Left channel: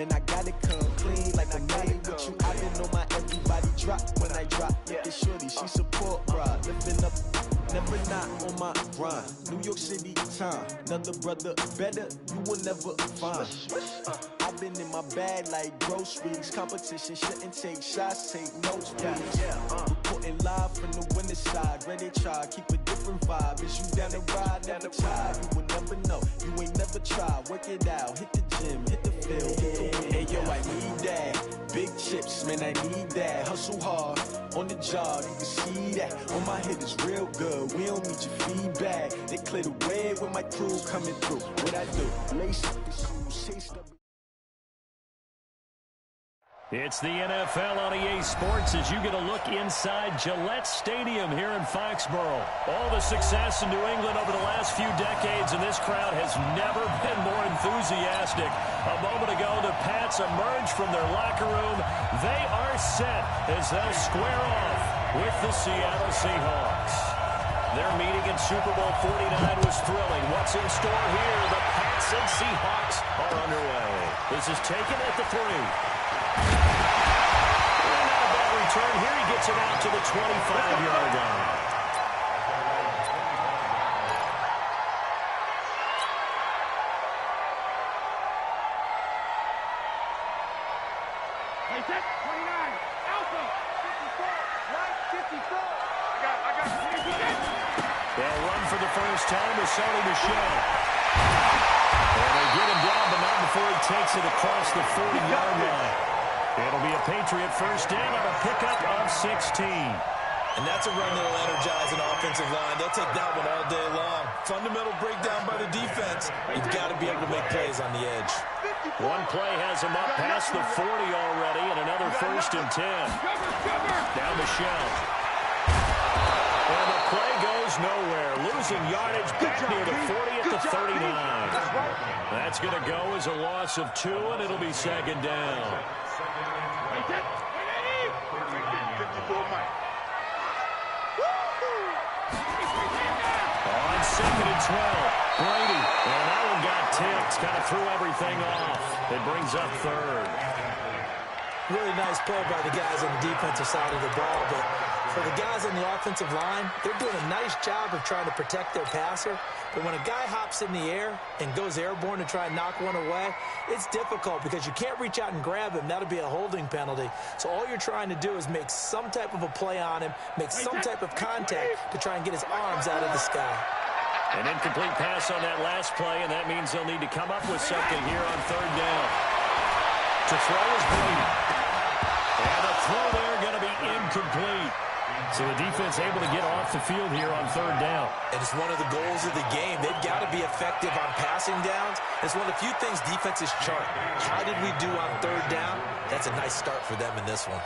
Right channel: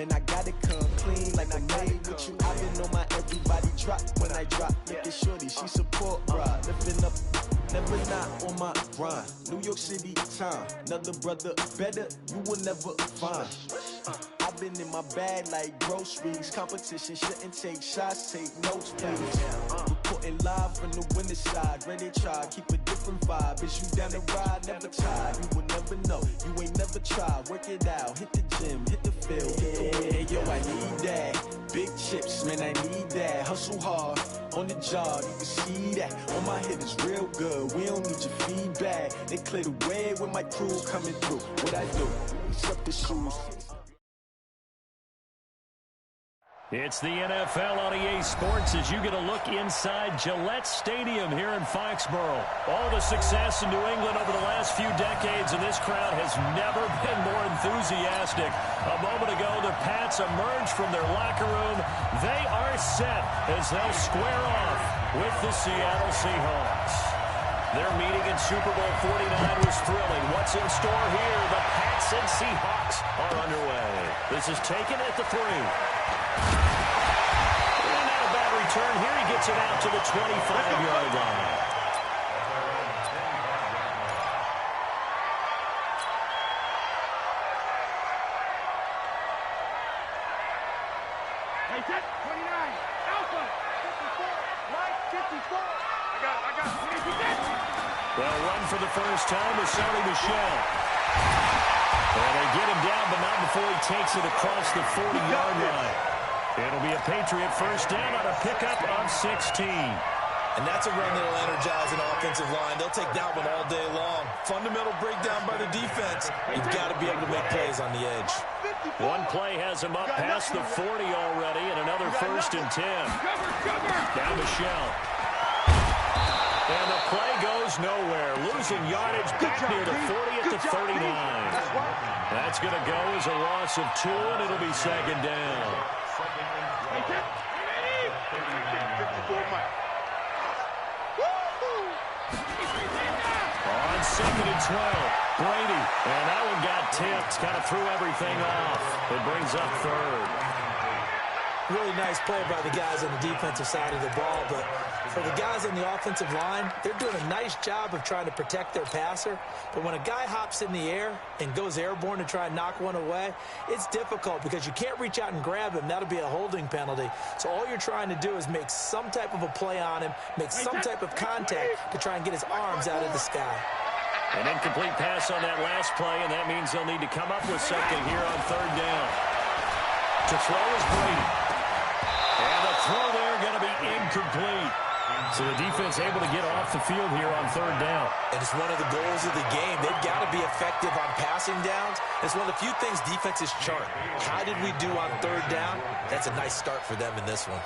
Man, I gotta come clean like I'm made with you. I've been on my everybody drop when I drop. Look at shorty, she support, bruh. Lifting up, never not on my grind. New York City time, another brother better, you will never find. I've been in my bag like groceries. Competition shouldn't take shots, take notes, please. Reporting live from the winning side. Ready to try, keep a different vibe. Is you down the ride, never tired. You will never know, you ain't never tried. Work it out, hit the gym, hit the field, hit the win. Hey yo, I need that. Big chips, man, I need that. Hustle hard, on the job, you can see that. On my head is real good, we don't need your feedback. They clear the way with my crew coming through. What I do, lace up the shoes, taste up. It's the NFL on EA Sports as you get a look inside Gillette Stadium here in Foxborough. All the success in New England over the last few decades, and this crowd has never been more enthusiastic. A moment ago, the Pats emerged from their locker room. They are set as they'll square off with the Seattle Seahawks. Their meeting in Super Bowl 49 was thrilling. What's in store here? The Pats and Seahawks are underway. This is taken at the 3. And not a bad return here. He gets it out to the 25-yard line. Hey, set, 29, Alpha, 54, right, 54. I got it. They'll run for the first time with Sony Michel. And they get him down, but not before he takes it across the 40-yard line. It'll be a Patriot first down on a pickup of 16. And that's a run that'll energize an offensive line. They'll take that one all day long. Fundamental breakdown by the defense. You've got to be able to make plays on the edge. One play has him up past the 40 already, and another first and 10. Now Michel. And the play goes nowhere. Losing yardage back near the 40 at the 39. That's going to go as a loss of 2, and it'll be second down. 54, Mike. On second and 12, Brady. And that one got tipped. Kind of threw everything off. It brings up third. Really nice play by the guys on the defensive side of the ball, but for the guys on the offensive line, they're doing a nice job of trying to protect their passer. But when a guy hops in the air and goes airborne to try and knock one away, it's difficult because you can't reach out and grab him. That'll be a holding penalty. So all you're trying to do is make some type of a play on him, make some type of contact to try and get his arms out of the sky. An incomplete pass on that last play, and that means they'll need to come up with something here on third down. To throw is Brady. And the throw there going to be incomplete. So the defense able to get off the field here on third down. And it's one of the goals of the game. They've got to be effective on passing downs. It's one of the few things defenses chart. How did we do on third down? That's a nice start for them in this one.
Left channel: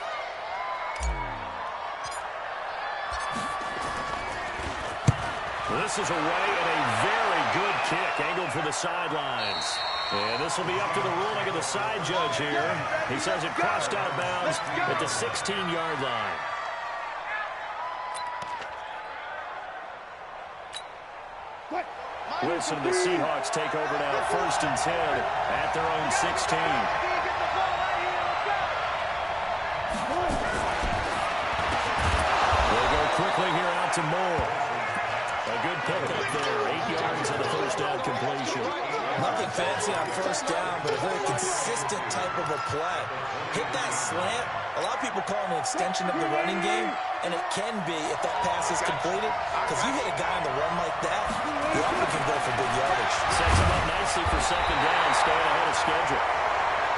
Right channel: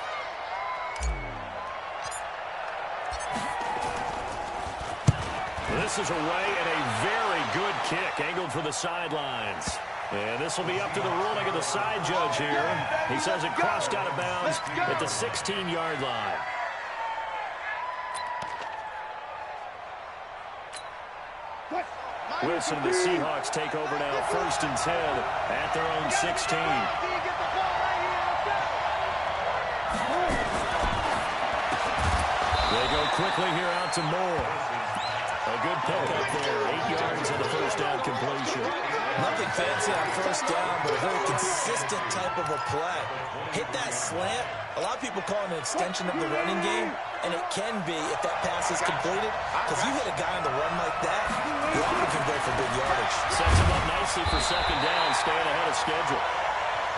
This is away and a very good kick angled for the sidelines. And this will be up to the ruling of the side judge here. He says it crossed out of bounds at the 16-yard line. Wilson and the Seahawks take over now, first and 10 at their own 16. They go quickly here out to Moore. A good pickup there, 8 yards on the first down completion. Nothing fancy on first down, but a very consistent type of a play. Hit that slant. A lot of people call it an extension of the running game, and it can be if that pass is completed, because you hit a guy on the run like that, you often can go for big yardage. Sets him up nicely for second down, staying ahead of schedule.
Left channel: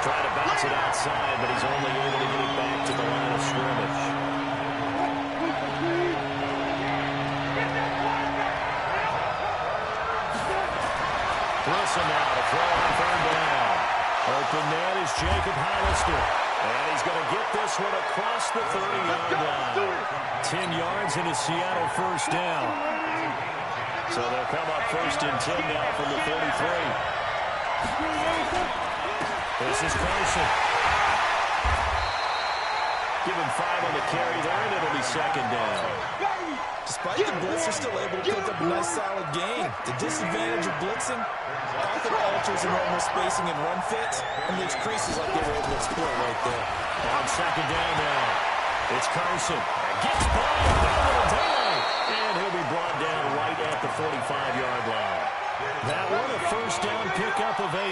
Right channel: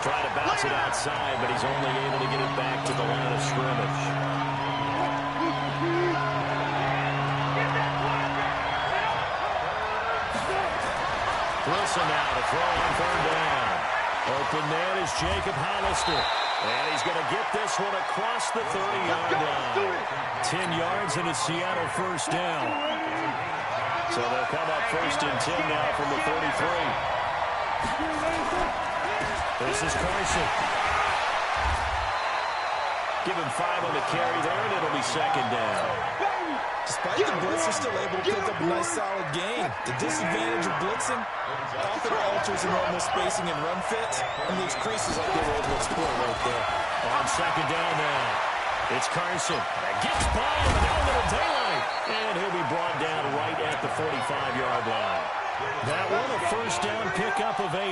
Try to bounce it outside, but he's only able to get it back to the line of scrimmage. Wilson now to throw on third down. Open man is Jacob Hollister. And he's going to get this one across the 30-yard line. 10 yards and a Seattle first down. So they'll come up first and 10 now from the 33. This is Carson. Give him 5 on the carry there, and it'll be second down. Despite the blitz, they're still able to pick up a nice solid gain. The disadvantage of blitzing often alters the normal spacing and run fits and leaves creases like they were able to exploit right there. On second down now, it's Carson. Gets by without a little daylight, and he'll be brought down right at the 45-yard line. That one a first down pickup of 8.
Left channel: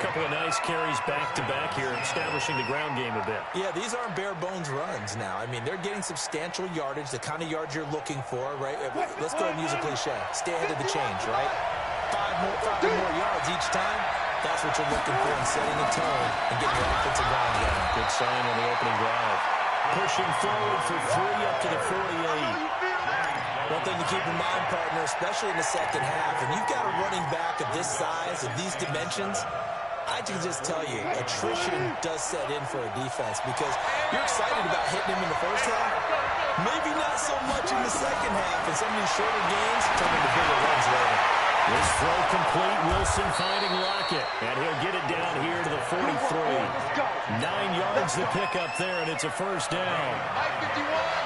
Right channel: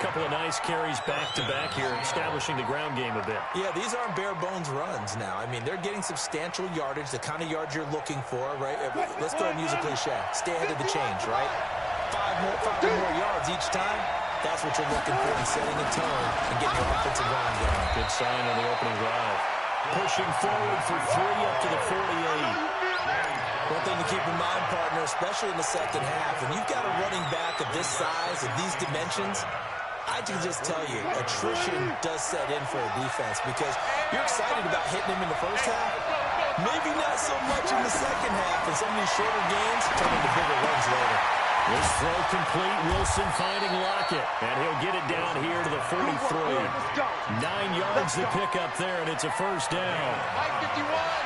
Couple of nice carries back-to-back here, establishing the ground game a bit. Yeah, these aren't bare-bones runs now. I mean, they're getting substantial yardage, the kind of yards you're looking for, right? Let's go ahead and use a cliche. Stay ahead of the change, right? Five or more yards each time. That's what you're looking for in setting a tone and getting your offensive line going. Good sign on the opening drive. Pushing forward for 3 up to the 48. One thing to keep in mind, partner, especially in the second half, when you've got a running back of this size, of these dimensions, I can just tell you, attrition does set in for a defense because you're excited about hitting him in the first half. Maybe not so much in the second half, and some of these shorter gains turn into bigger runs later. This throw complete. Wilson finding Lockett, and he'll get it down here to the 43. 9 yards to pick up there, and it's a first down.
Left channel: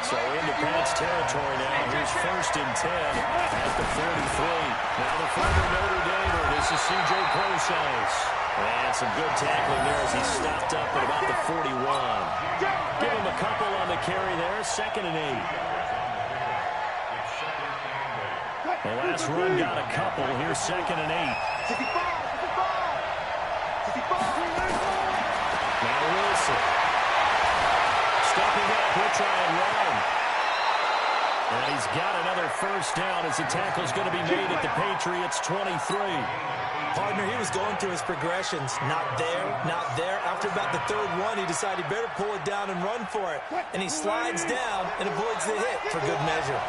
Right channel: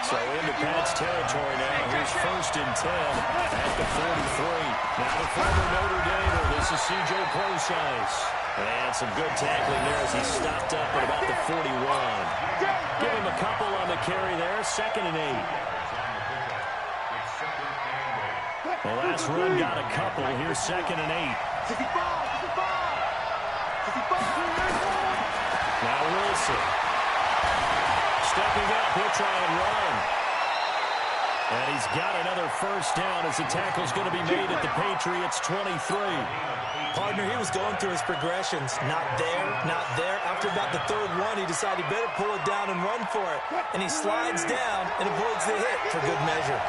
So into Pat's territory now. Here's 1st and 10 at the 43. Now the former Notre Damer. This is C.J. Procise. And some good tackling there as he stopped up at about the 41. Give him a couple on the carry there. 2nd and 8. The last run got a couple. Here's 2nd and 8. Now Wilson. Stepping up. He'll try and run. And he's got another first down as the tackle's going to be made at the Patriots' 23. Partner, he was going through his progressions. Not there, not there. After about the 3rd one, he decided he better pull it down and run for it. And he slides down and avoids the hit for good measure.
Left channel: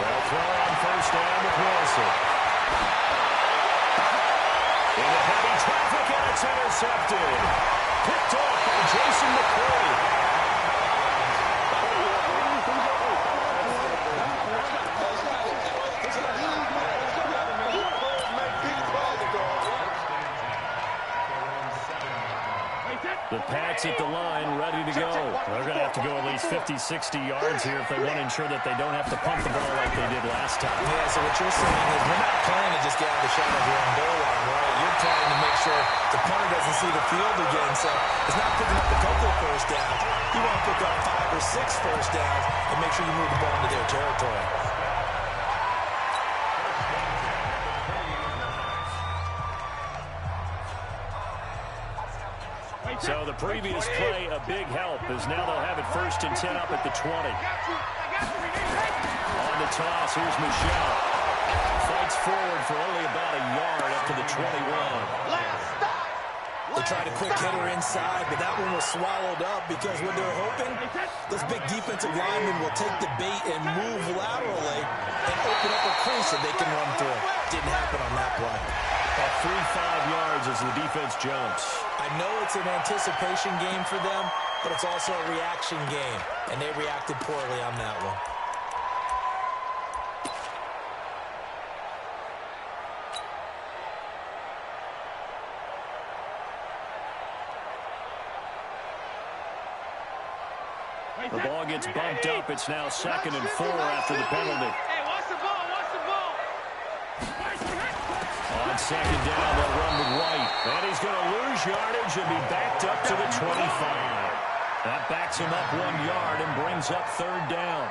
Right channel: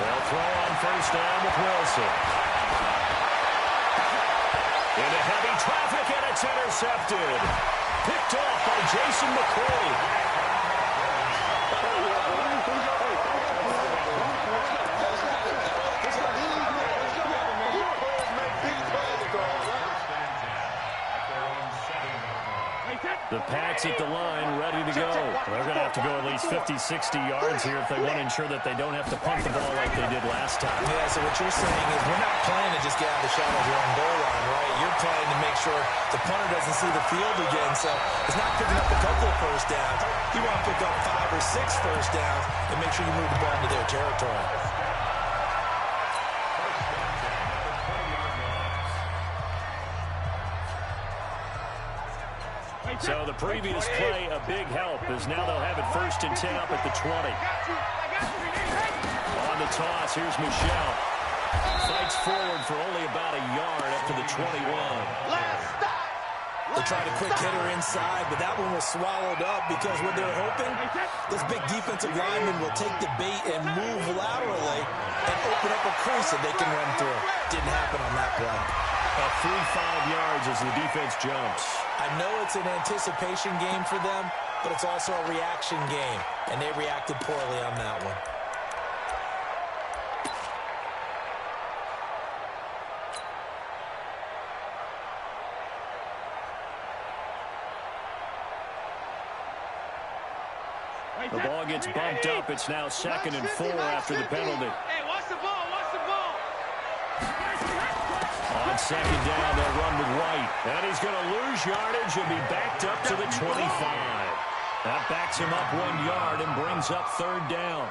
They'll throw on first down with Wilson. Into heavy traffic, and it's intercepted. Picked off by Jason McCoy. The Pats at the line, ready to go. They're going to have to go at least 50, 60 yards here if they want to ensure that they don't have to punt the ball like they did last time. Yeah, so what you're saying is we're not playing to just get out of the shadow of your own goal line, right? You're playing to make sure the punter doesn't see the field again. So it's not picking up a couple of first downs. You want to pick up 5 or 6 first downs and make sure you move the ball into their territory. So the previous play, a big help, as now they'll have it 1st and 10 up at the 20. On the toss, here's Michel. Fights forward for only about a yard up to the 21. They tried a quick hitter inside, but that one was swallowed up because what they're hoping, those big defensive linemen will take the bait and move laterally and open up a crease that they can run through. Didn't happen on that play. About 3-5 yards as the defense jumps. I know it's an anticipation game for them, but it's also a reaction game, and they reacted poorly on that one. The ball gets bumped up. It's now 2nd and 4 after the penalty. Hey, watch the ball, watch the ball. On 2nd down, they'll run with White. And he's going to lose yardage and be backed up to the 25. That backs him up 1 yard and brings up 3rd down.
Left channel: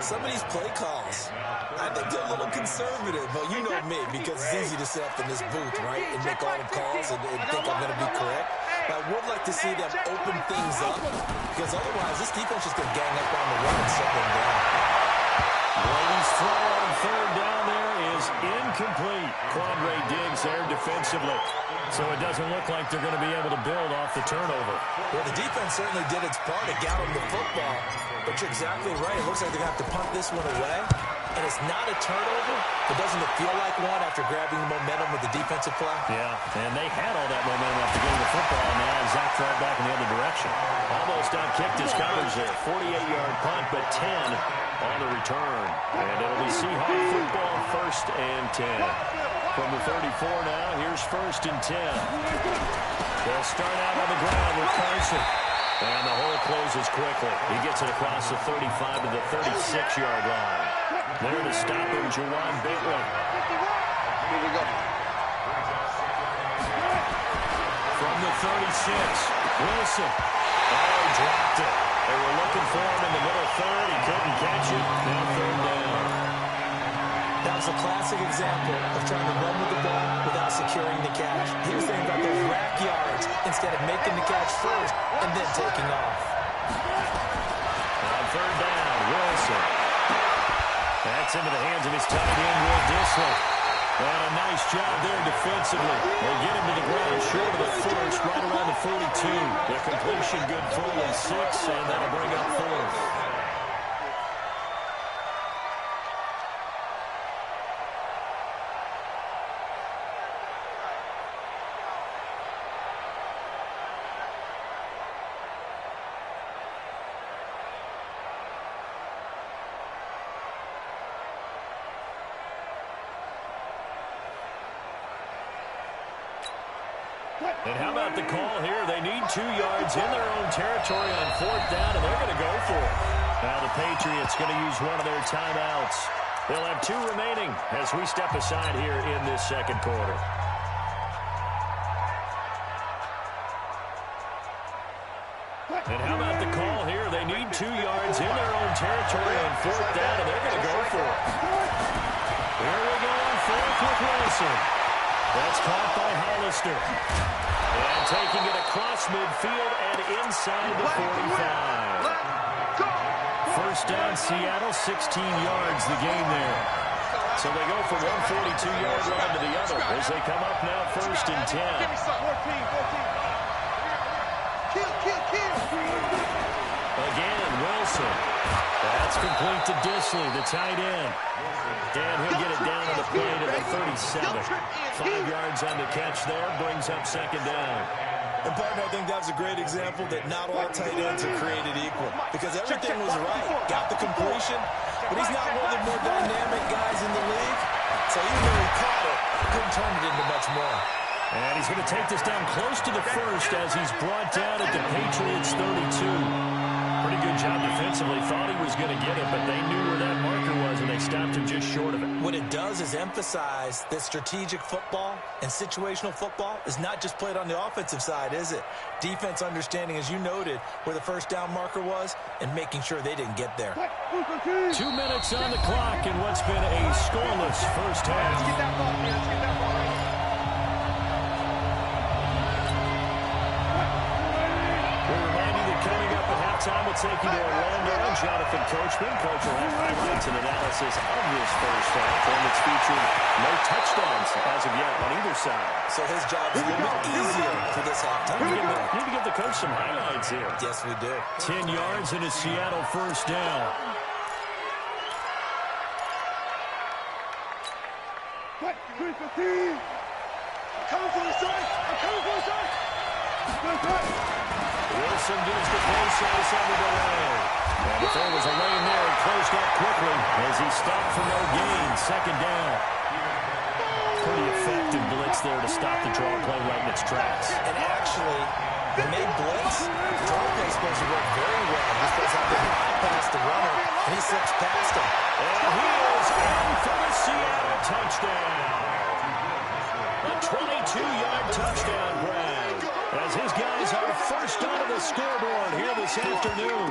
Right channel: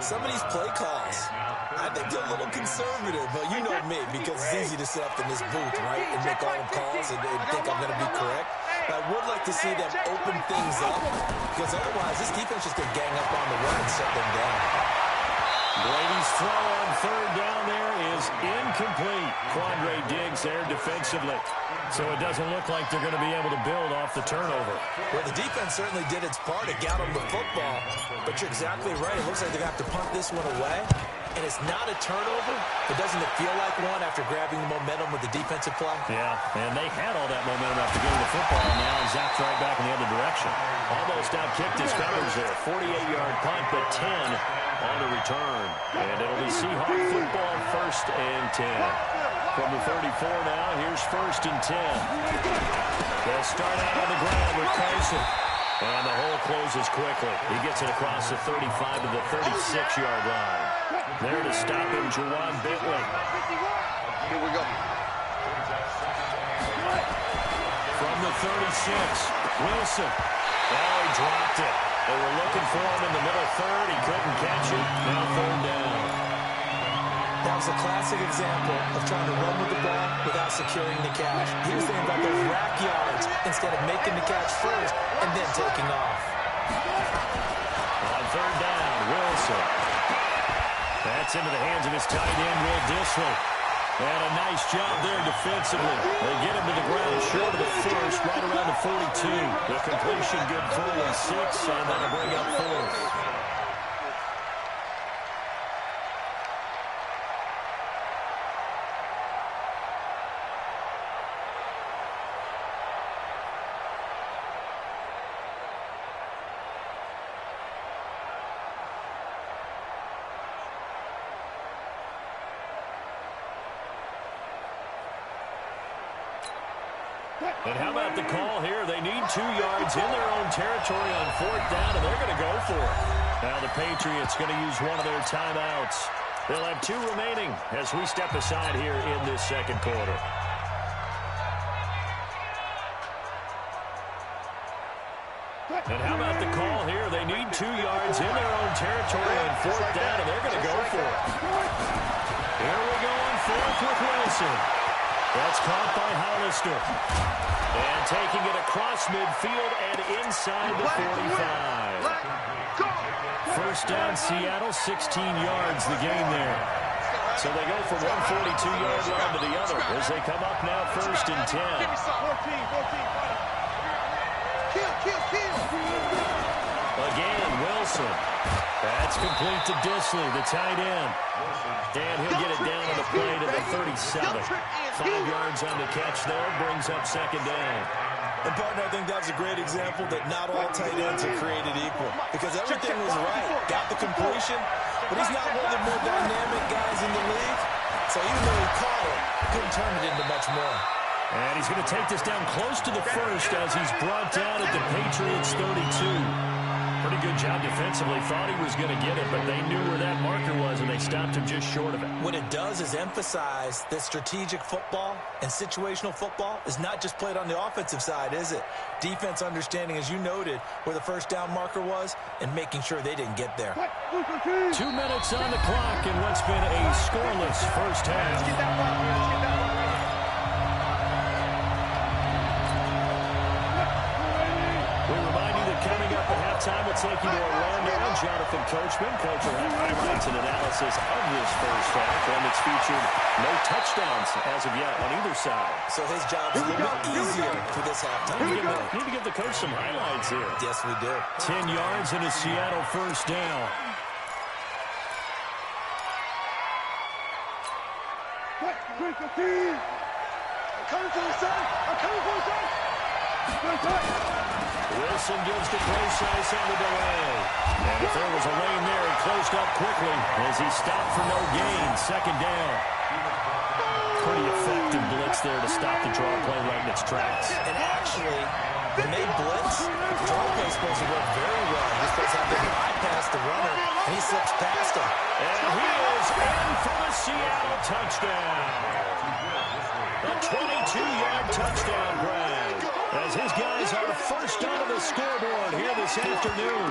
Some of these play calls, I think they're a little conservative. But you know me, because it's easy to sit up in this booth, right, and make all the calls and think I'm going to be correct. But I would like to see them open things up, because otherwise this defense is going to gang up on the run and shut them down. Brady's throw on 3rd down there is incomplete. Quandre Diggs there defensively. So it doesn't look like they're going to be able to build off the turnover. Well, the defense certainly did its part. It got them the football. But you're exactly right. It looks like they're going to have to punt this one away. And it's not a turnover, but doesn't it feel like one after grabbing the momentum with the defensive play? Yeah, and they had all that momentum after getting the football, and now zapped right back in the other direction. Almost outkicked his coverage there. 48-yard punt, but 10 on the return. And it'll be Seahawk football, 1st and 10. From the 34 now, here's 1st and 10. They'll start out on the ground with Carson. And the hole closes quickly. He gets it across the 35 to the 36-yard line. There to stop him, Juwan Bentley. Here we go. From the 36, Wilson. Oh, he dropped it. They were looking for him in the middle third. He couldn't catch it. Now third down. That was a classic example of trying to run with the ball without securing the catch. He was thinking about those rack yards instead of making the catch first and then taking off. On third down, Wilson. That's into the hands of his tight end, Will Dissly. And a nice job there defensively. They get him to the ground short of the first, right around the 42. The completion good for only 6, and that'll bring up fourth. And how about the call here? They need 2 yards in their own territory on fourth down, and they're going to go for it. Now the Patriots going to use one of their timeouts. They'll have 2 remaining as we step aside here in this second quarter. And how about the call here? They need 2 yards in their own territory on fourth down, and they're going to go for it. Here we go on fourth with Wilson. That's caught by Hollister. And taking it across midfield and inside the 45. First down, Seattle, 16 yards the gain there. So they go from one 42-yard line to the other as they come up now first and 10. 14. Again, Wilson. That's complete to Dissly, the tight end. And he'll get it down on the play to the 37. 5 yards on the catch there, brings up second down. And, partner, I think that was a great example that not all tight ends are created equal because everything was right. Got the completion, but he's not one of the more dynamic guys in the league. So even though he caught it, couldn't turn it into much more. And he's going to take this down close to the first as he's brought down at the Patriots' 32. Pretty good job defensively. Thought he was going to get it, but they knew where that marker was, and they stopped him just short of it. What it does is emphasize that strategic football and situational football is not just played on the offensive side, is it? Defense understanding, as you noted, where the first down marker was and making sure they didn't get there. 2 minutes on the clock in what's been a scoreless first half. Let's get that ball, man. Let's get that ball right here. We remind you that coming up at halftime, we'll take you to Orlando. Jonathan Coachman. Coach will have highlights and analysis of this first half, one that's featured no touchdowns as of yet on either side. So his job is a little bit easier for this halftime. Need to give the coach some highlights here. Yes, we do. 10 yards and a Seattle first down. What? 3-15. I'm coming for you, son. I'm coming for you, son. Wilson gives the close ice on the delay. And if there was a lane there, he closed up quickly as he stopped for no gain. Second down. Pretty effective blitz there to stop the draw play right in its tracks. And actually, when they blitz, the draw play is supposed to work very well. You're supposed to have to bypass the runner, and he slips past him. And he is in for the Seattle touchdown. A 22-yard touchdown grab as his guys are first onto the scoreboard here this afternoon.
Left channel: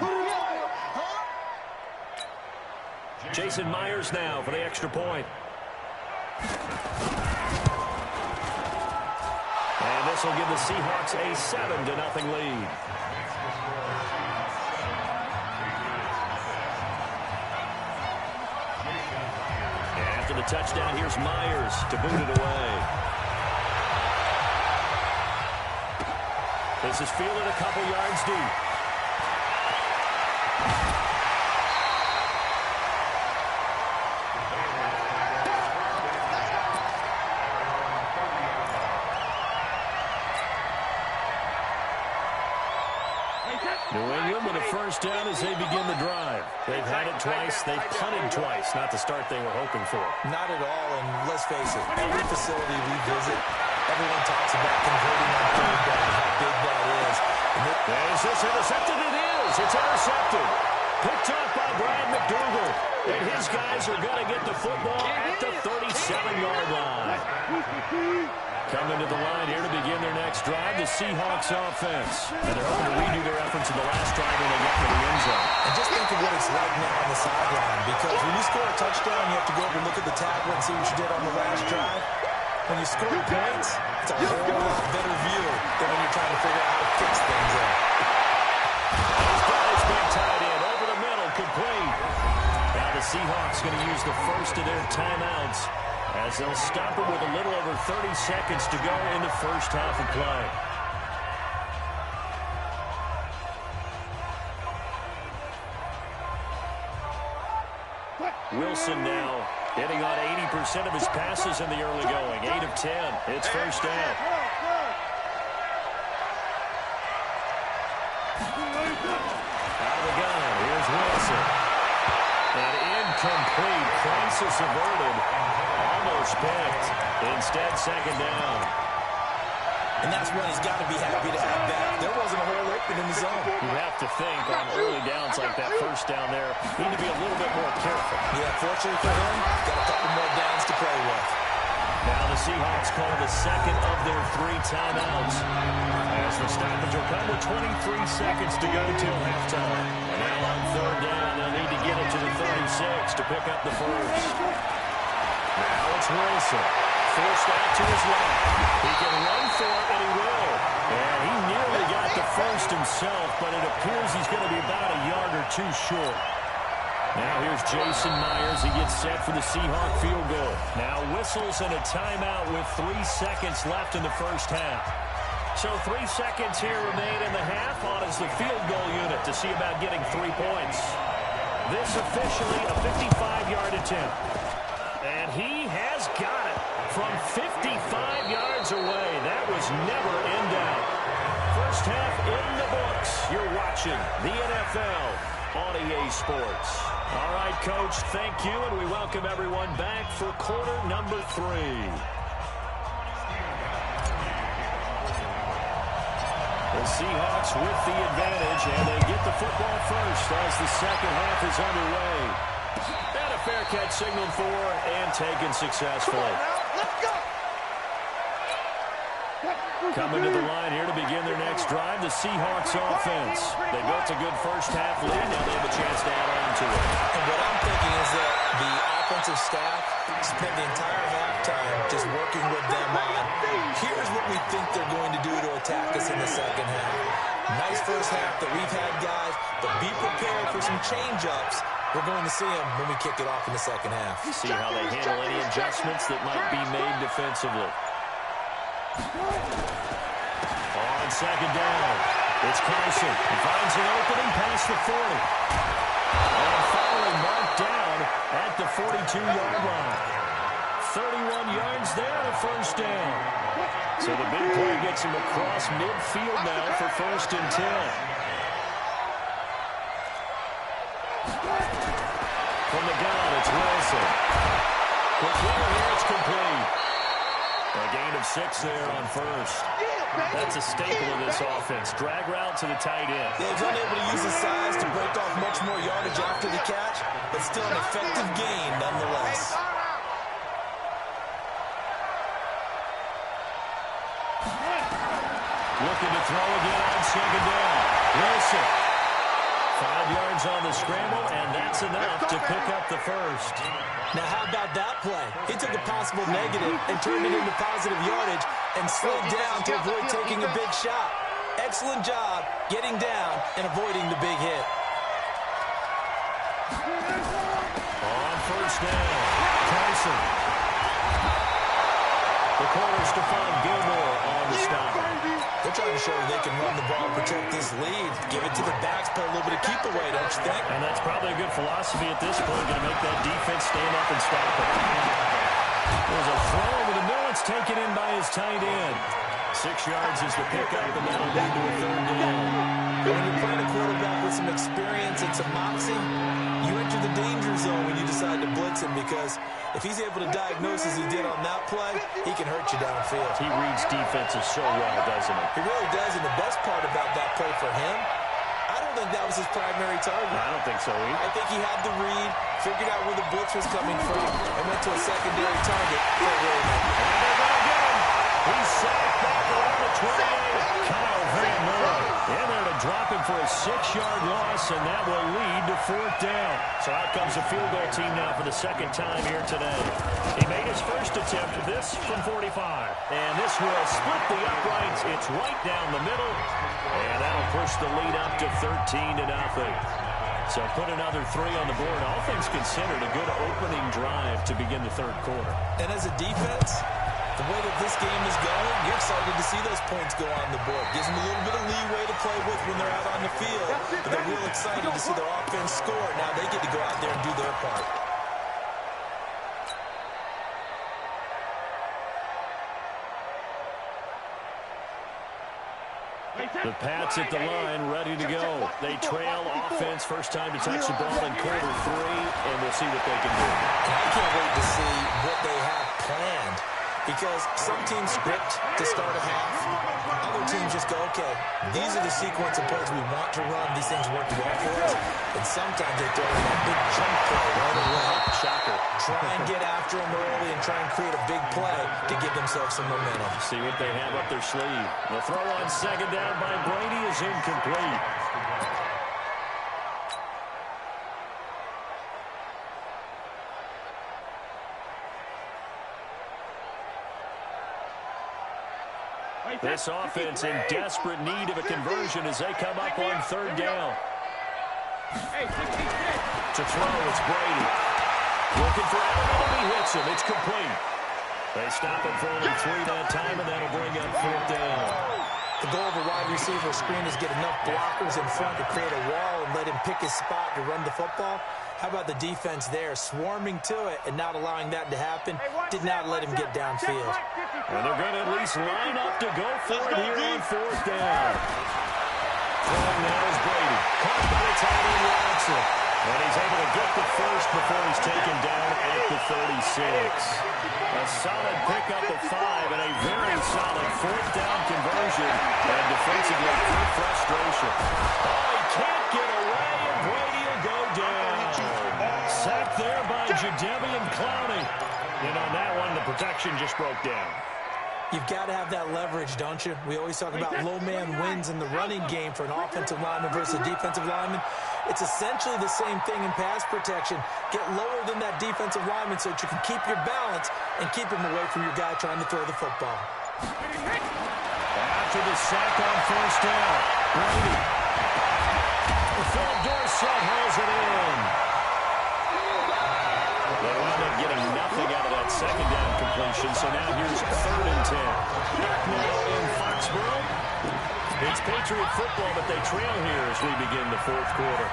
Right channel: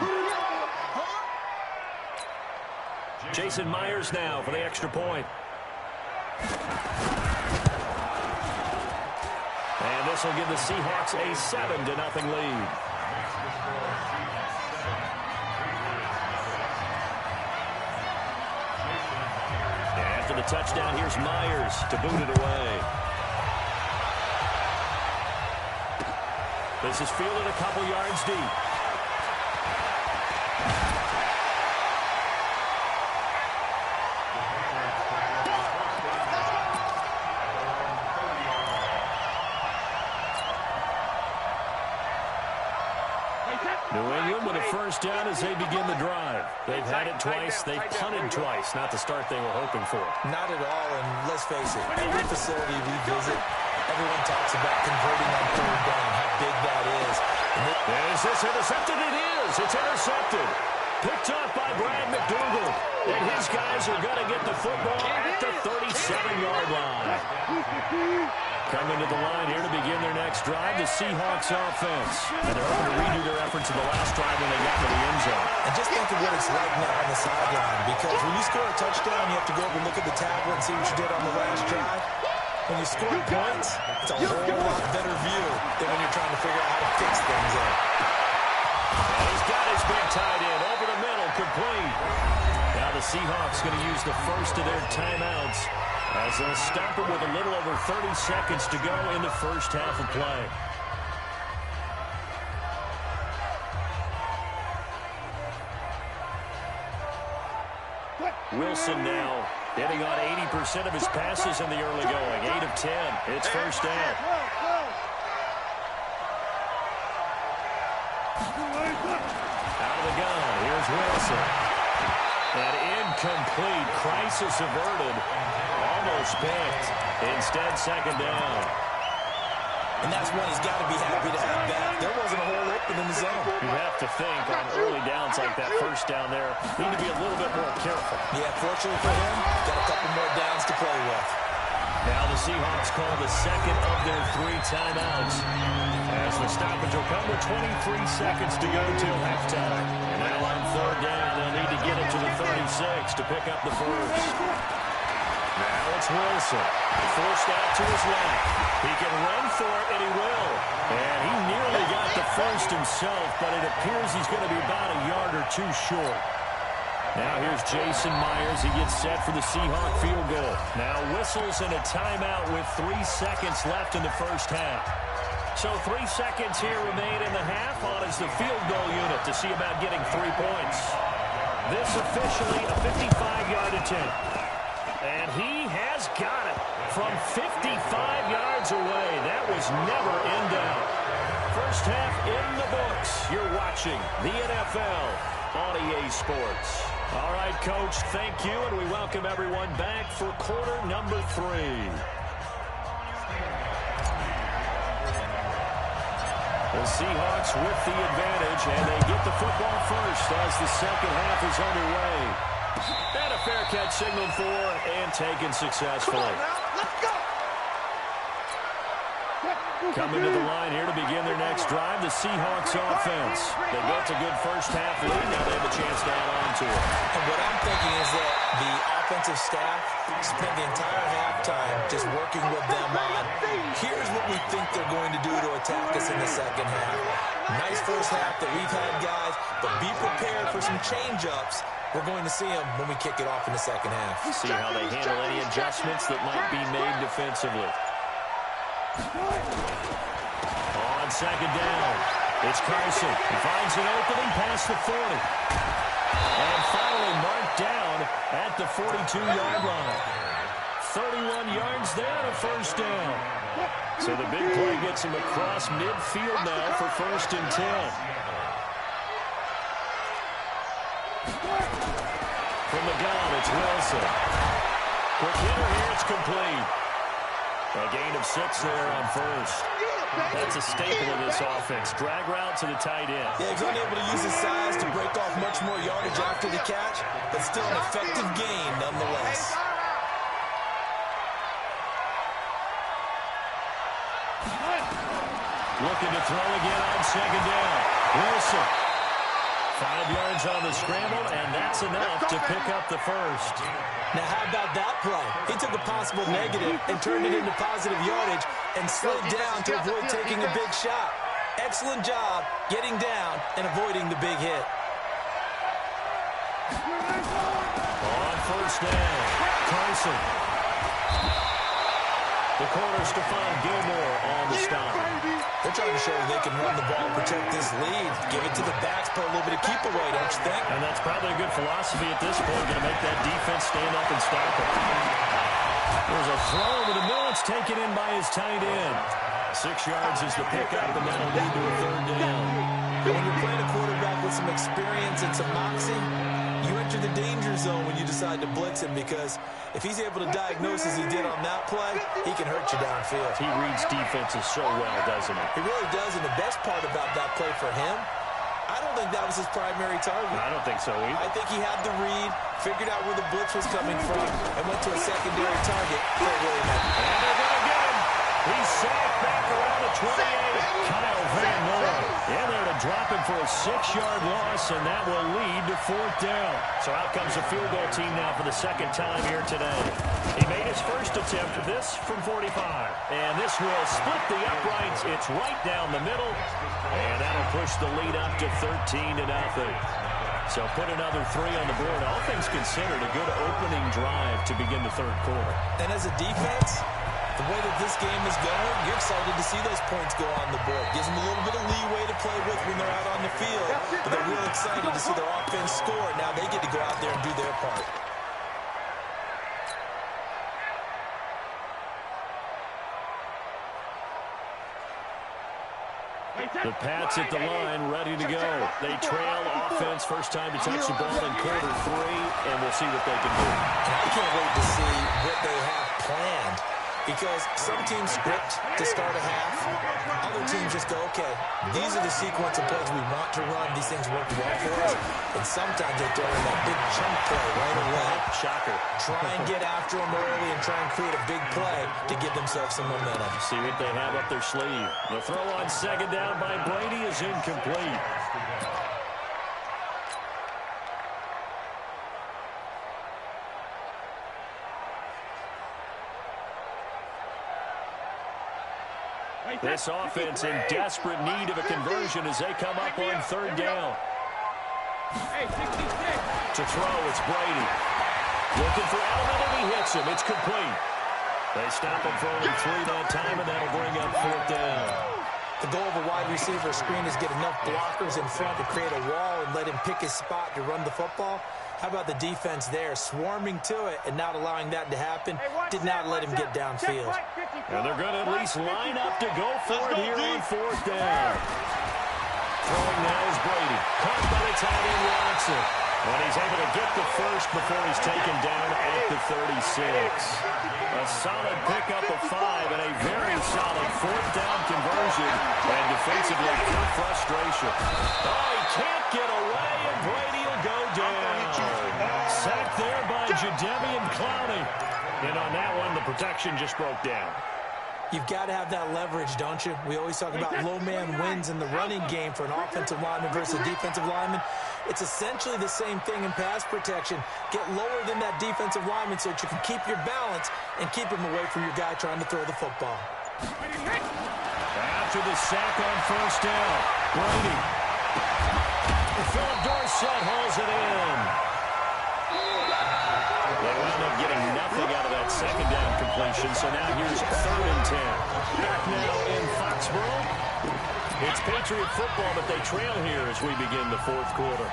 Jason Myers now for the extra point. And this will give the Seahawks a 7-0 lead. After the touchdown, here's Myers to boot it away. This is fielded a couple yards deep. New England with a first down as they begin the drive. They've had it twice. They've punted twice. Not the start they were hoping for. Not at all, and let's face it, every facility we visit, everyone talks about converting on third down, how big that is. Is this intercepted? It is. It's intercepted. Picked off by Brad McDougal. And his guys are going to get the football at the 37-yard line. Coming to the line here to begin their next drive, the Seahawks offense. And they're hoping to redo their efforts in the last drive when they got to the end zone. And just think of what it's like now on the sideline, because when you score a touchdown, you have to go over and look at the tablet and see what you did on the last drive. When you score points, it's a whole lot better view than when you're trying to figure out how to fix things there. And he's got his big tight end over the middle, complete. Now the Seahawks going to use the first of their timeouts as they'll stop it with a little over 30 seconds to go in the first half of play. Wilson now hitting on 80% of his passes in the early going. 8 of 10. It's first down. Out of the gun. Here's Wilson. An incomplete. Crisis averted. Almost picked. Instead, second down. And that's one he's got to be happy to have back. There wasn't a hole open in the zone. You have to think on early downs like that first down there, need to be a little bit more careful. Yeah, fortunately for him, got a couple more downs to play with. Now the Seahawks call the second of their 3 timeouts as the stoppage will come with 23 seconds to go till halftime. And now on third down, they'll need to get it to the 36 to pick up the first. Now it's Wilson. Forced out to his left. He can run for it, and he will. And he nearly got the first himself, but it appears he's going to be about a yard or 2 short. Now here's Jason Myers. He gets set for the Seahawk field goal. Now whistles and a timeout with 3 seconds left in the first half. So 3 seconds here remain in the half. On is the field goal unit to see about getting 3 points. This officially a 55-yard attempt. And he has got it from 55 yards away. That was never in doubt. First half in the books. You're watching the NFL on EA Sports. All right, Coach, thank you, and we welcome everyone back for quarter number 3. The Seahawks with the advantage, and they get the football first as the second half is underway. And a fair catch signaled for and taken successfully. Come on now, let's go. Coming to the line here to begin their next drive, the Seahawks offense. They built a good first half lead. Now they have a chance to add on to it. And what I'm thinking is that the offensive staff spent the entire halftime just working with them on, here's what we think they're going to do to attack us in the second half. Nice first half that we've had, guys, but be prepared for some change-ups. We're going to see them when we kick it off in the second half. See how they handle any adjustments that might be made defensively. On second down, it's Carson. He finds an opening past the 40. And finally marked down at the 42-yard line. 31 yards there and a first down. So the big play gets him across midfield now for first and 10. From the gun, it's Wilson. Quick hitter here, it's complete. A gain of 6 there on first. That's a staple of this offense. Drag route to the tight end. Yeah, he's unable to use his size to break off much more yardage after the catch, but still an effective gain nonetheless. Looking to throw again on second down. Wilson. 5 yards on the scramble, and that's enough to pick up the first. Now, how about that play? He took a possible negative and turned it into positive yardage and slid down to avoid taking a big shot. Excellent job getting down and avoiding the big hit. On first down, Carson. The corner, Stephon Gilmore on the stop. They're trying to show that they can run the ball and protect this lead. Give it to the backs, play a little bit of keep away, don't you think? And that's probably a good philosophy at this point, going to make that defense stand up and stop it. There's a throw over the middle. It's taken in by his tight end. 6 yards is the pickup, and that'll lead to a third down. When you're playing a quarterback with some experience and some moxie, you enter the danger zone when you decide to blitz him, because if he's able to diagnose as he did on that play, he can hurt you downfield. He reads defenses so well, doesn't he? He really does, and the best part about that play for him, I don't think that was his primary target. I don't think so either. I think he had the read, figured out where the blitz was coming from, and went to a secondary target for a really nice. And they're going to get him. He's sacked back around the 28. Kyle Van Noy in there to drop him for a 6-yard loss, and that will lead to 4th down. So out comes a field goal team now for the second time here today. He made his first attempt, this from 45. And this will split the uprights. It's right down the middle, and that'll push the lead up to 13-0. So put another 3 on the board. All things considered, a good opening drive to begin the third quarter. And as a defense, the way that this game is going, you're excited to see those points go on the board. Gives them a little bit of leeway to play with when they're out on the field. But they're real excited to see their offense score. Now they get to go out there and do their part. The Pats at the line, ready to go. They trail offense, first time to touch the ball in quarter 3, and we'll see what they can do. And I can't wait to see what they have planned, because some teams script to start a half. Other teams just go, okay, these are the sequence of plays we want to run. These things worked well for us. And sometimes they throw in that big chunk play right away. Shocker. Try and get after them early and try and create a big play to give themselves some momentum. See what they have up their sleeve. The throw on second down by Brady is incomplete. This offense in desperate need of a conversion as they come up on third down. To throw, it's Brady. Looking for Allen, and he hits him. It's complete. They stop him for only 3 that time, and that'll bring up 4th down. The goal of a wide receiver screen is get enough blockers in front to create a wall and let him pick his spot to run the football. How about the defense there, swarming to it and not allowing that to happen? Did not let him get downfield. And they're going to at least line up to go for it here on 4th down. Throwing now is Brady. Caught by the tight end Watson. And he's able to get the first before he's taken down at the 36. A solid pickup of 5 and a very solid 4th down conversion. And defensively, pure frustration. Oh, he can't get away, and Brady will go down. Sacked there by Jadeveon Clowney. And on that one, the protection just broke down. You've got to have that leverage, don't you? We always talk about low man wins in the running game for an offensive lineman versus a defensive lineman. It's essentially the same thing in pass protection. Get lower than that defensive lineman so that you can keep your balance and keep him away from your guy trying to throw the football. After the sack on 1st down, Brady. Philip Dorsett hauls it in. They wound up getting nothing out of that second down completion, so now here's 3rd and 10. Back now in Foxborough. It's Patriot football, but they trail here as we begin the 4th quarter.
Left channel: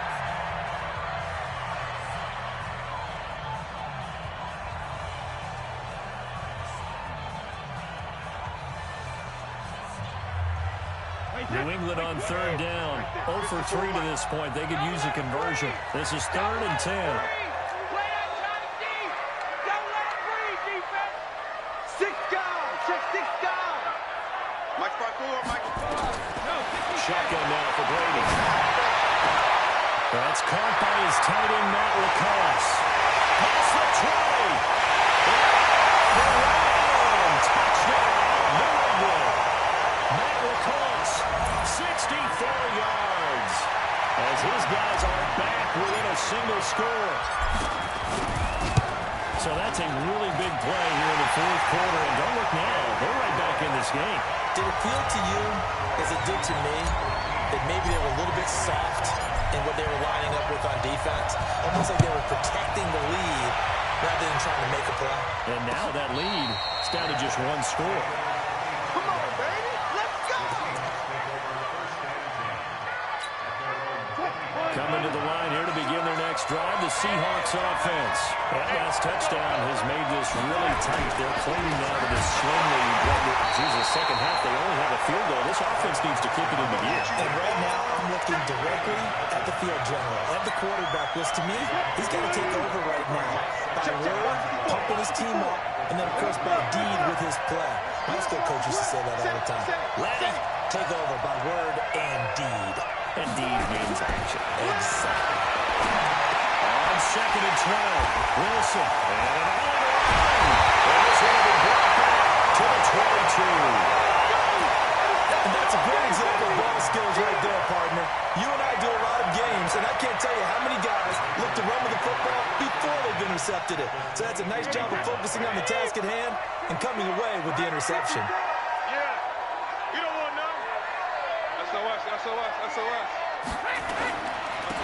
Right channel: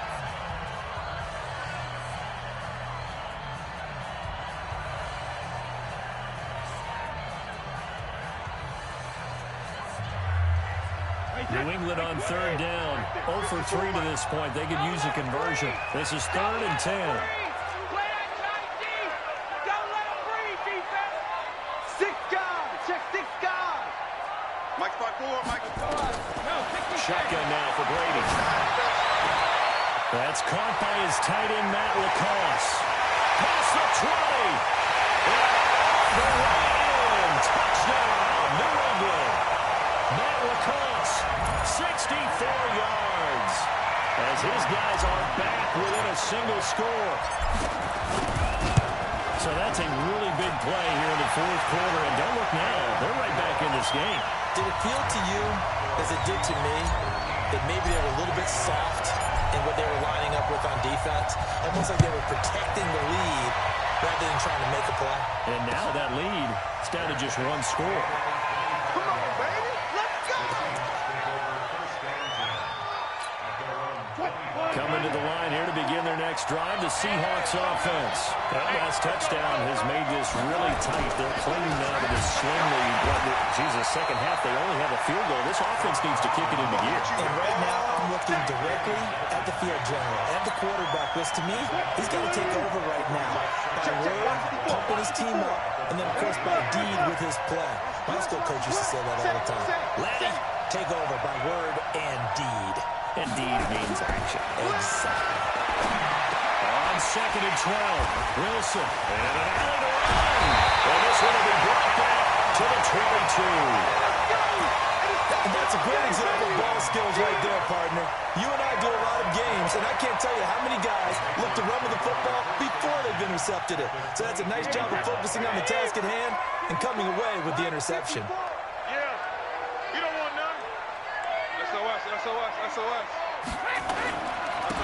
New England on 3rd down. 0 for 3 to this point. They could use a conversion. This is 3rd and 10. Mike 5-4, Mike 5. Shotgun now for Brady. That's caught by his tight end, Matt Lacoste. Past the 20. The way in. Touchdown, New England. Matt Lacoste, 64 yards. As his guys are back within a single score. So that's a really big play here in the 4th quarter. And don't look now. They're right back in this game. Did it feel to you, as it did to me, that maybe they were a little bit soft in what they were lining up with on defense? Almost like they were protecting the lead rather than trying to make a play. And now that lead is down to just 1 score. Come on, baby. Let's go. Coming to the line here to begin their next drive, the Seahawks offense. That last touchdown has made this really tight. They're clinging now to this slim lead, what geez, the second half, they only have a field goal. This offense needs to kick it into gear. And right now, I'm looking directly at the field general, at the quarterback, which to me, he's got to take over right now. By word, pumping his team up, and then, of course, by deed with his play. My high school coach used to say that all the time. Laddie, take over by word and deed. And deed means action. Exactly. On 2nd and 12, Wilson, and an alley to run. And this one will be brought back to the 22. And that's a great example of ball skills right there, partner. You and I do a lot of games, and I can't tell you how many guys look to run with the football before they've intercepted it. So that's a nice job of focusing on the task at hand and coming away with the interception. Yeah. You don't want none. SOS, SOS, SOS.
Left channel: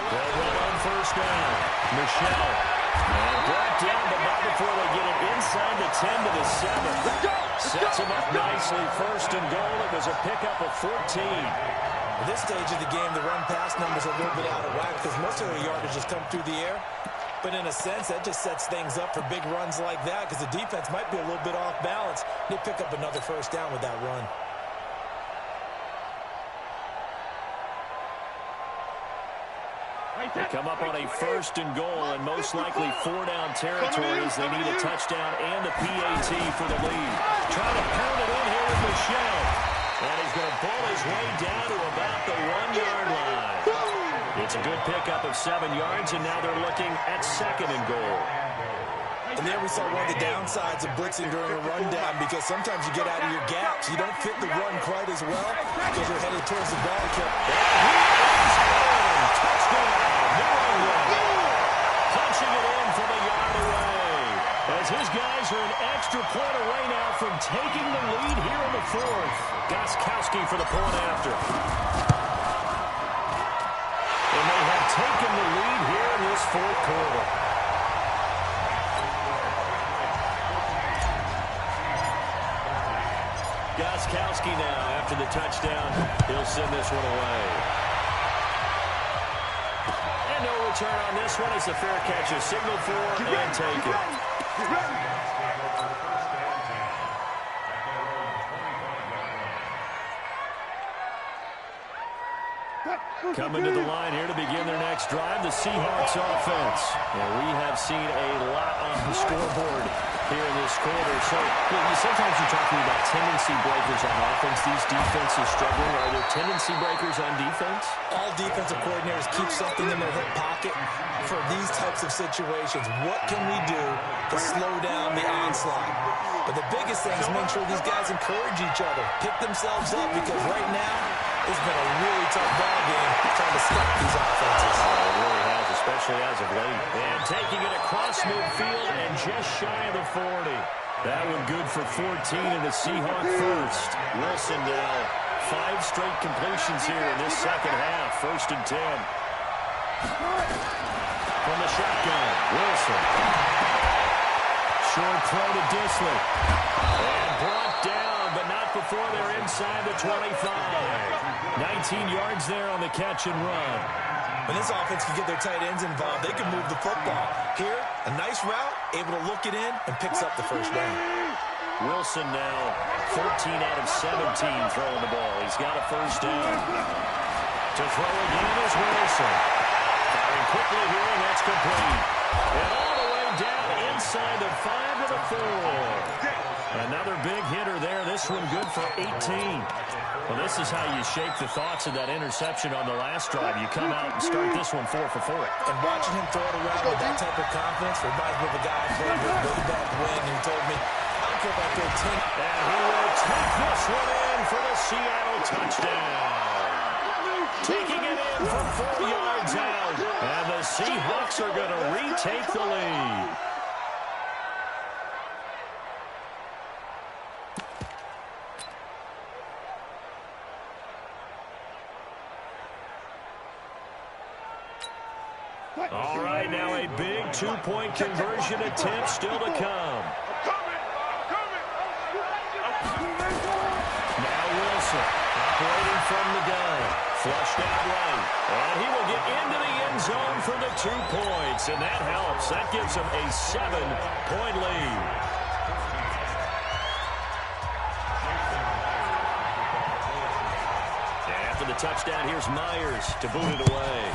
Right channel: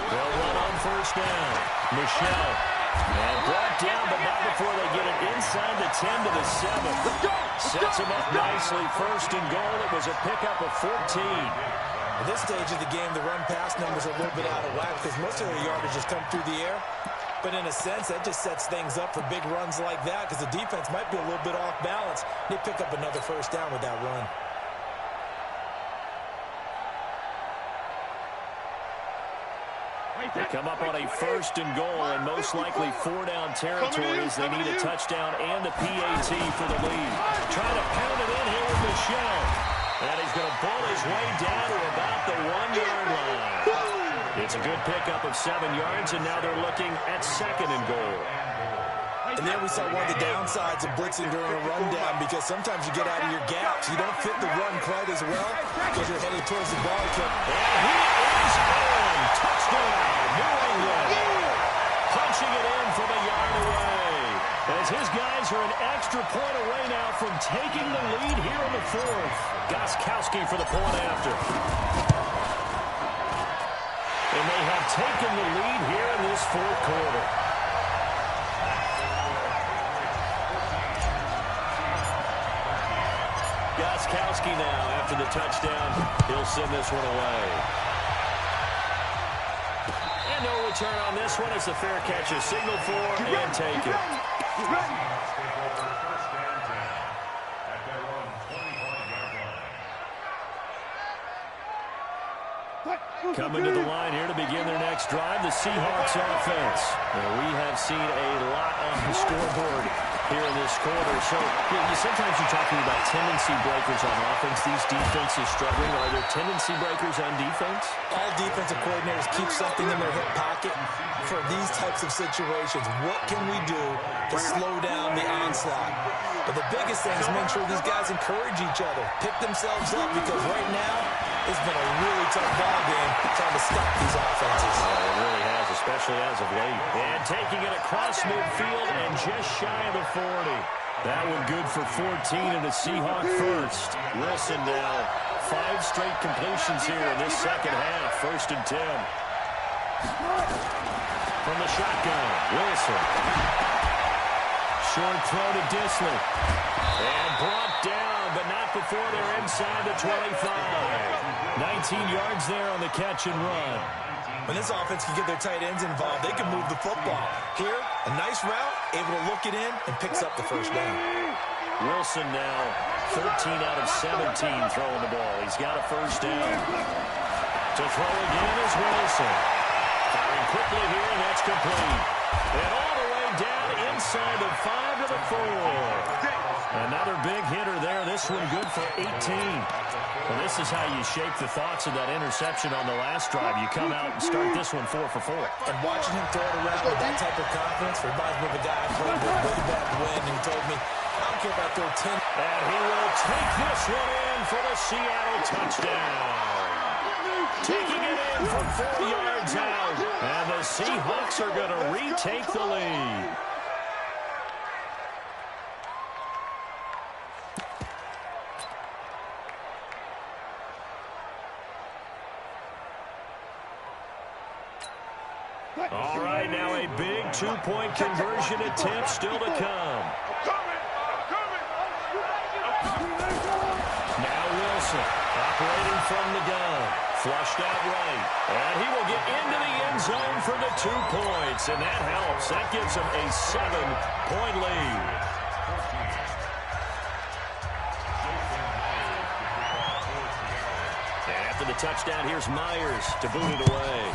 They'll run on 1st down. Michelle. And brought down, but not before they get it inside the 10 to the 7. Sets him up nicely. 1st and goal. It was a pickup of 14. At this stage of the game, the run-pass numbers are a little bit out of whack because most of their yardage has come through the air. But in a sense, that just sets things up for big runs like that because the defense might be a little bit off balance. They pick up another 1st down with that run. They come up on a 1st and goal, and most likely 4-down territory as they need a touchdown and the PAT for the lead. Trying to pound it in here with Michelle. And he's going to bull his way down to about the 1-yard line. It's a good pickup of 7 yards, and now they're looking at 2nd and goal. And there we saw one of the downsides of blitzing during a rundown because sometimes you get out of your gaps. You don't fit the run quite as well because you're headed towards the ball kick. And he is in. Touchdown, New England. Punching it in from a yard away. As his guys are an extra point away now from taking the lead here in the 4th. Gostkowski for the point after. And they have taken the lead here in this 4th quarter. Gostkowski now, after the touchdown, he'll send this one away. And no return on this one as the fair catch is signaled for and taken. Coming to the line here to begin their next drive, the Seahawks offense. And we have seen a lot on the scoreboard here in this quarter. So sometimes you're talking about tendency breakers on offense. These defenses struggling. Are there tendency breakers on defense? All defensive coordinators keep something in their hip pocket for these types of situations. What can we do to slow down the onslaught? But the biggest thing is make sure these guys encourage each other, pick themselves up, because right now it's been a really tough ball game trying to stop these offenses. It really has, especially as of late. And taking it across midfield and just shy of the 40. That one good for 14 and a Seahawk first. Wilson now 5 straight completions here in this second half. 1st and 10. From the shotgun, Wilson. Short throw to Disley. And brought down, but not before they're inside the 25. 19 yards there on the catch and run. When this offense can get their tight ends involved, they can move the football. Here, a nice route, able to look it in, and picks up the 1st down. Wilson now 13 out of 17 throwing the ball. He's got a 1st down. To throw again is Wilson. Firing quickly here, and that's complete. And all the way down inside the 5 to the 4. Another big hitter there. This one good for 18. Well, this is how you shake the thoughts of that interception on the last drive. You come out and start this one 4 for 4. And watching him throw it around with that type of confidence reminds me of a guy I played with way back when who told me, I don't care if I throw 10. And he will take this one in for the Seattle touchdown. Taking it in from 4 yards out. And the Seahawks are going to retake the lead. All right, now a big 2-point conversion attempt still to come. Now Wilson operating from the gun. Flushed out right. And he will get into the end zone for the 2 points. And that helps. That gives him a 7-point lead. after the touchdown. Here's Myers to boot it away.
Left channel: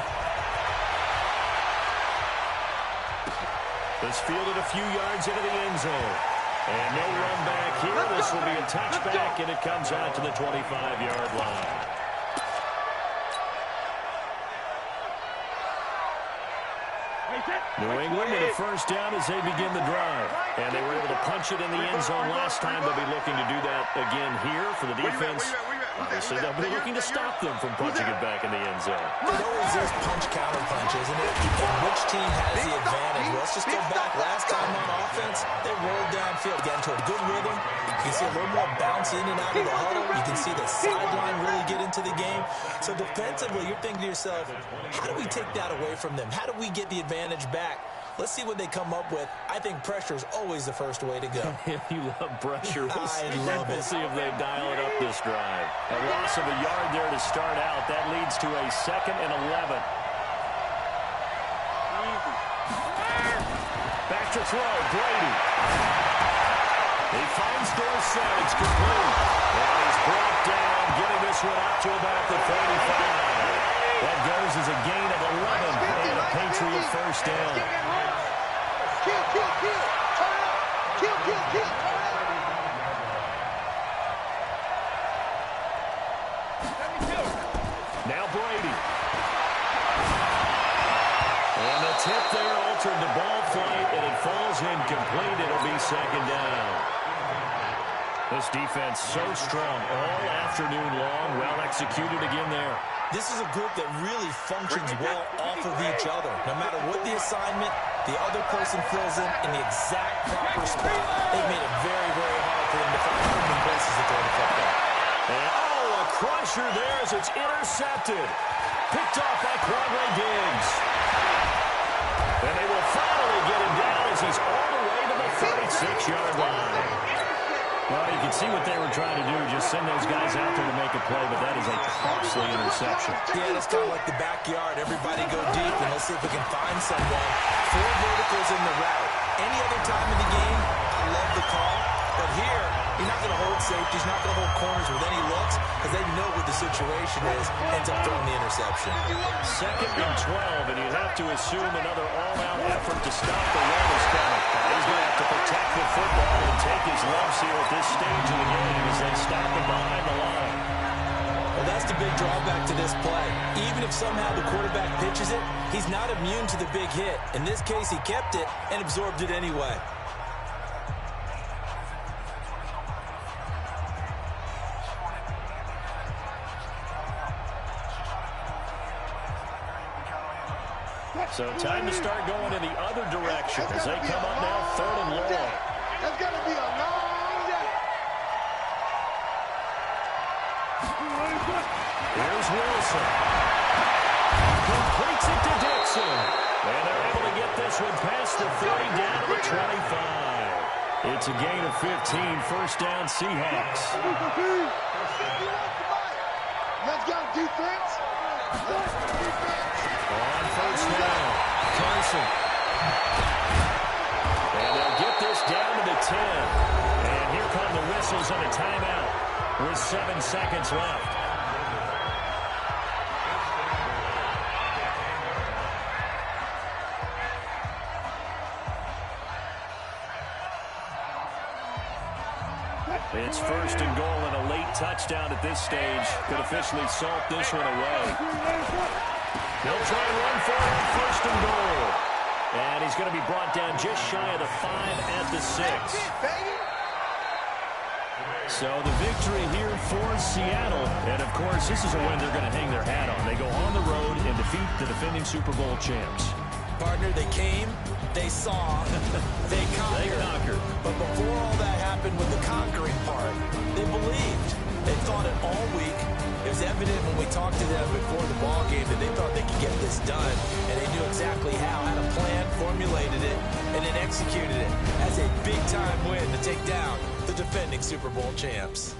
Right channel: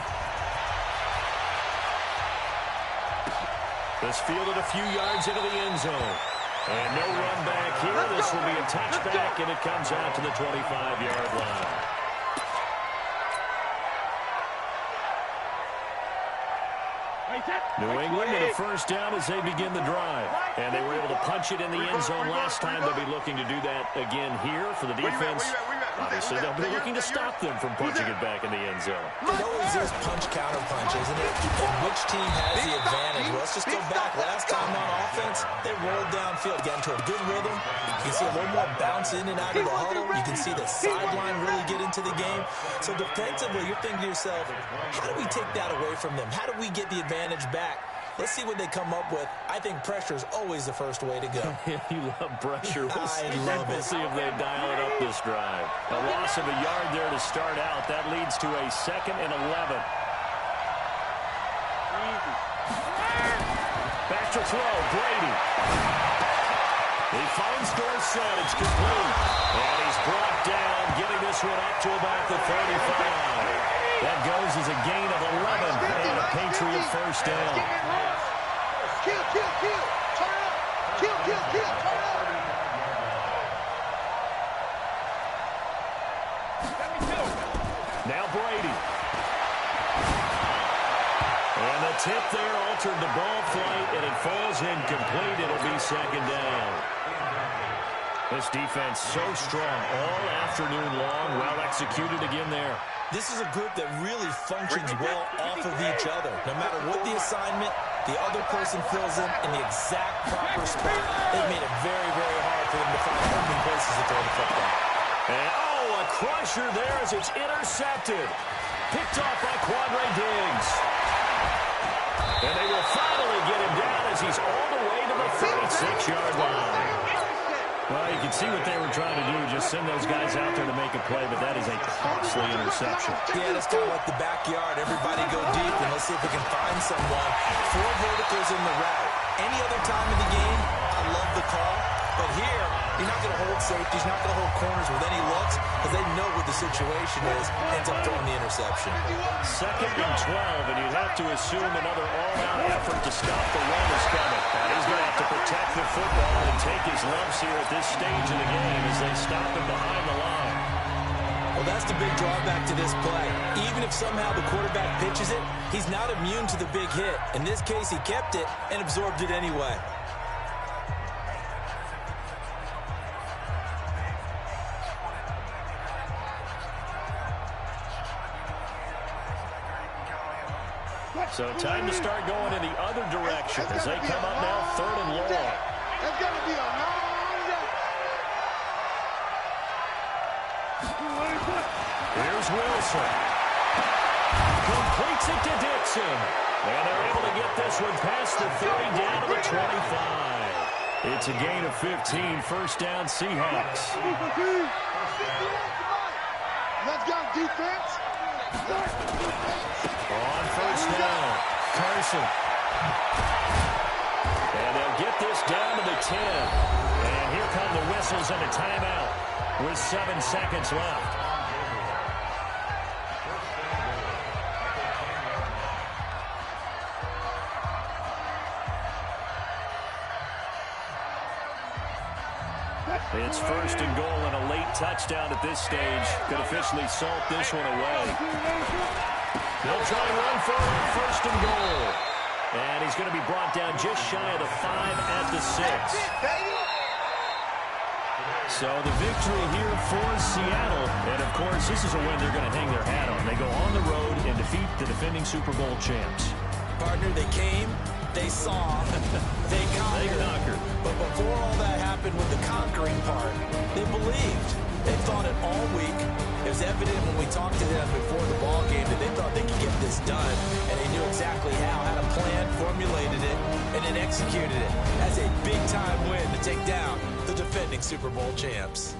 This fielded a few yards into the end zone. And no run back here. This will be a touchback, and it comes out to the 25-yard line. New England with a first down as they begin the drive. And they were able to punch it in the end zone last time. They'll be looking to do that again here for the defense. Obviously, they'll be looking to stop them from punching it back in the end zone. It always is punch-counter punch, isn't it? And which team has the advantage? Well, let's just go back. Last time on offense, they rolled downfield, got into a good rhythm. You can see a little more bounce in and out of the huddle. You can see the sideline really get into the game. So defensively, you're thinking to yourself, how do we take that away from them? How do we get the advantage back? Let's see what they come up with. I think pressure is always the first way to go. You love pressure. I love it. We'll see if they dial it up this drive. A loss of a yard there to start out. That leads to a 2nd and 11. Back to throw, Brady. He finds Dorsett. It's complete. And he's brought down, getting this one up to about the 35. That goes as a gain of 11 and a Patriot first down. Kill, kill, kill. Turn it up. Kill, kill, kill. Turn it up. Now Brady. And the tip there altered the ball flight, and it falls incomplete. It'll be 2nd down. This defense so strong all afternoon long. Well executed again there. This is a group that really functions well off of each other. No matter what the assignment, the other person fills in the exact proper spot. They've made it very, very hard for them to find open places to throw the football. And, a crusher there as it's intercepted. Picked off by Quandre Diggs. And they will finally get him down as he's all the way to the 36-yard line. Well, you can see what they were trying to do, just send those guys out there to make a play, but that is a costly interception. Yeah, that's kind of like the backyard. Everybody go deep, and let's see if we can find someone. 4 verticals in the route. Any other time in the game, I love the call. But here, you're not going to hold safeties, not going to hold corners with any looks, because they know what the situation is, ends up throwing the interception. 2nd and 12, and you'd have to assume another all-out effort to stop the run is coming. He's going to have to protect the football and take his lumps here at this stage of the game as they stop him behind the line. Well, that's the big drawback to this play. Even if somehow the quarterback pitches it, he's not immune to the big hit. In this case, he kept it and absorbed it anyway. So time to start going in the other direction as they come up now 3rd and long. That's going to be a long day. Here's Wilson. Completes it to Dixon. And they're able to get this one past the 30 down to the 25. It's a gain of 15. First down, Seahawks. Let's go, defense. On first down, Carson. And they'll get this down to the 10. And here come the whistles and a timeout with 7 seconds left. It's 1st and goal and a late touchdown at this stage. Could officially salt this one away. They'll try and run for it, 1st and goal. And he's going to be brought down just shy of the 5 at the 6. So the victory here for Seattle. And, of course, this is a win they're going to hang their hat on. They go on the road and defeat the defending Super Bowl champs. Partner, they came, they saw, they conquered. They conquered. But before all that happened with the conquering part, they believed. They thought it all week. It was evident when we talked to them before the ball game that they thought they could get this done, and they knew exactly how, had a plan, formulated it, and then executed it. That's a big-time win to take down the defending Super Bowl champs.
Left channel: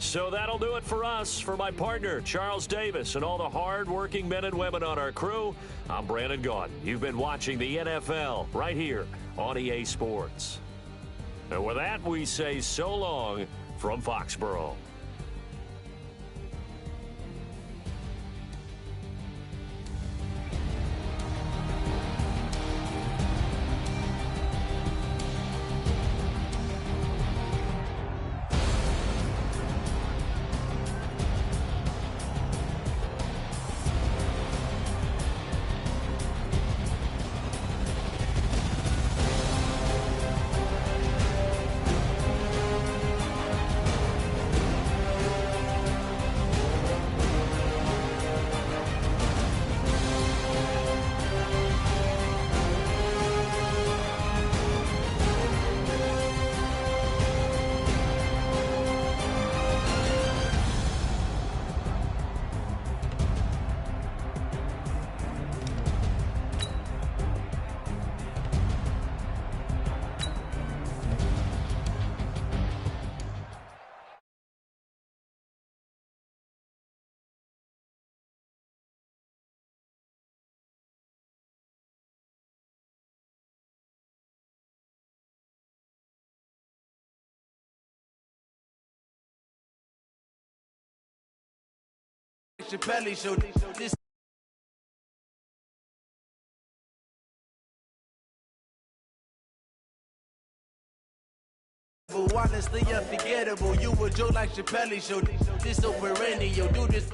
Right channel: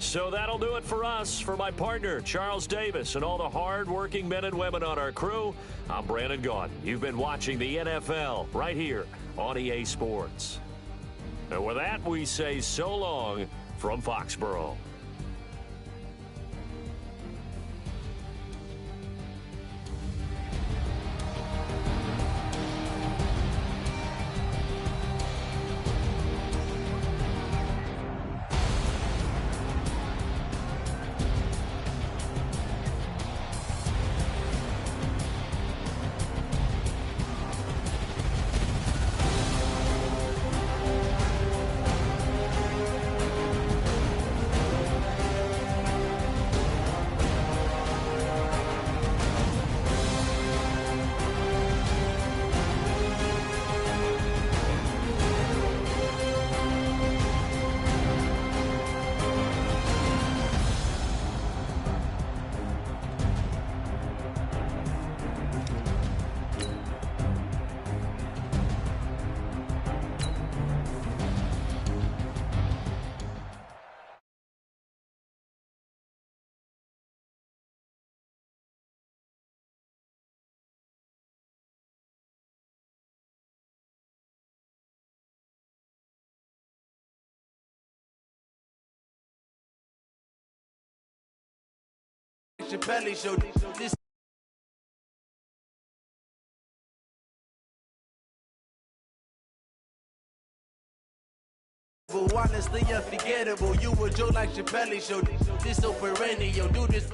So that'll do it for us. For my partner, Charles Davis, and all the hard-working men and women on our crew, I'm Brandon Gaudin. You've been watching the NFL right here on EA Sports. And with that, we say so long from Foxborough. Chappelle show this. Honestly unforgettable. You a joke like Chappelle show. This so perennial. Do this.